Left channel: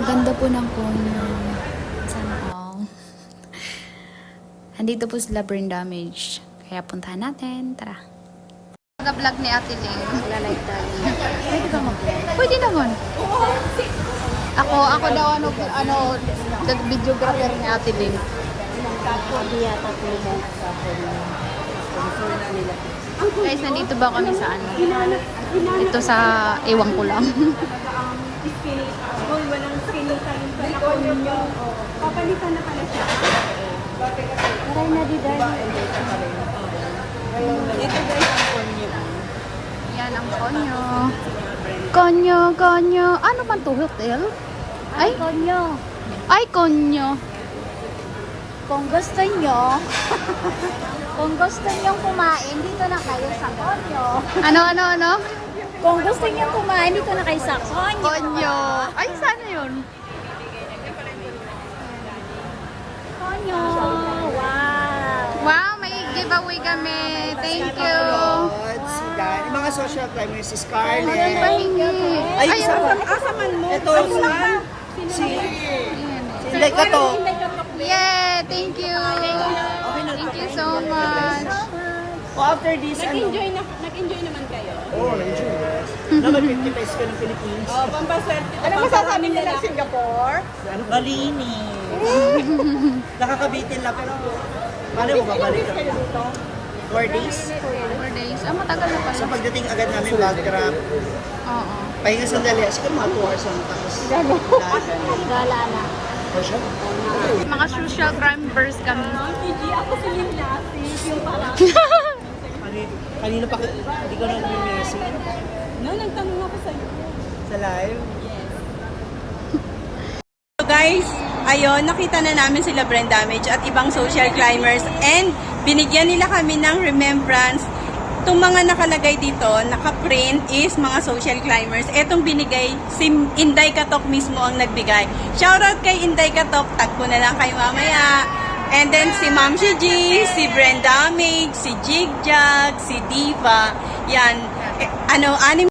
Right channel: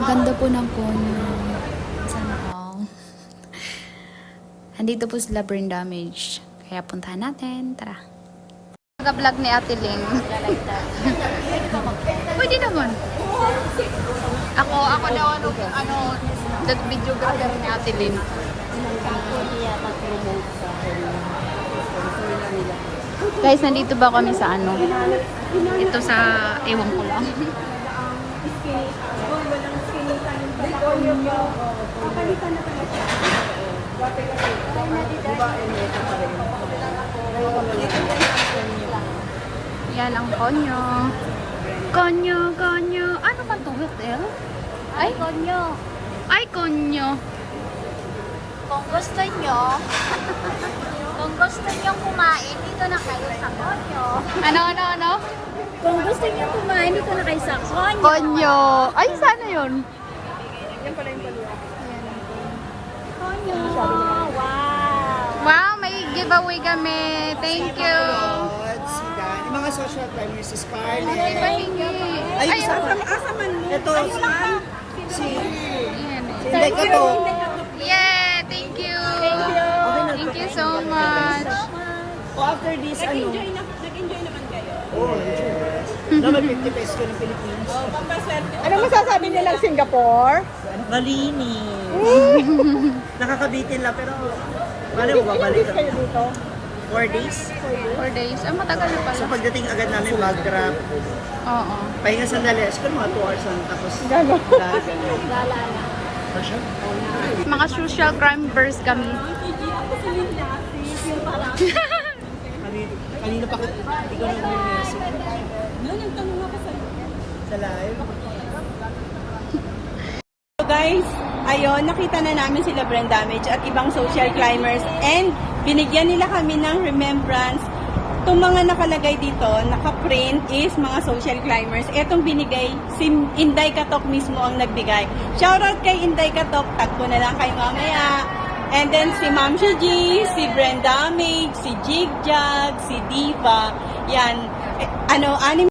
Ang ganda po ng konyo. Sana all. Andito po sila brain damage. Kaya puntahan natin. Tara. Nag-vlog ni Ate Ling. Pwede naman. Ako daw videographer ni Ate Ling. Guys, nandito ba kami sa ano? Ito sa ewan ko lang. Walang skinny time pala ko yung papalitan na pala siya. Yan ang konyo. Konyo. Ano man to? Hotel? Ay, konyo. Ay, konyo. Kung gusto nyo kumain, dito na kayo sa konyo. Ano? Kung gusto nyo kumain, dito na kayo sa konyo. Konyo. Ay, sana yun? Konyo. Wow. Wow, may giveaway kami. Thank you. Si Dan. Yung mga social climbers, si Scarlett. Pahingi. Ay, isa pa. Asaman mo. Ito, si Inday ka to. Yeah, thank you. Okay na. Thank you so much. O after this, ano? Nag-enjoy naman kayo. Oo, enjoy. Na may 50 pesos ka ng Philippines. Ano masasabi nila ng Singapore? Malinis. Nakakabitin lang, pero paano mo babalik kami? 4 days. 4 days. Ah, matagal na pala. So pagdating agad namin mag-grab, Oo. pahinga sandali. Siguro mga 2 hours lang. Tapos dahil ganyan. Mga social climbers kami. Hindi ako sa yung parang. Kanina pa, hindi ko na nag-message. No, nagtanong ako sa'yo. Sa live? So guys, ayun, nakita na namin sila brain damage at ibang social climbers and binigyan nila kami ng remembrance. Itong mga nakalagay dito, naka-print is mga social climbers. Etong binigay, si Inday Katok mismo ang nagbigay. Shoutout kay Inday Katok, tagpo na lang kayo mamaya. And then si Ma'am G, si Brain Damage, si Jigjag, si Diva. Yan, anim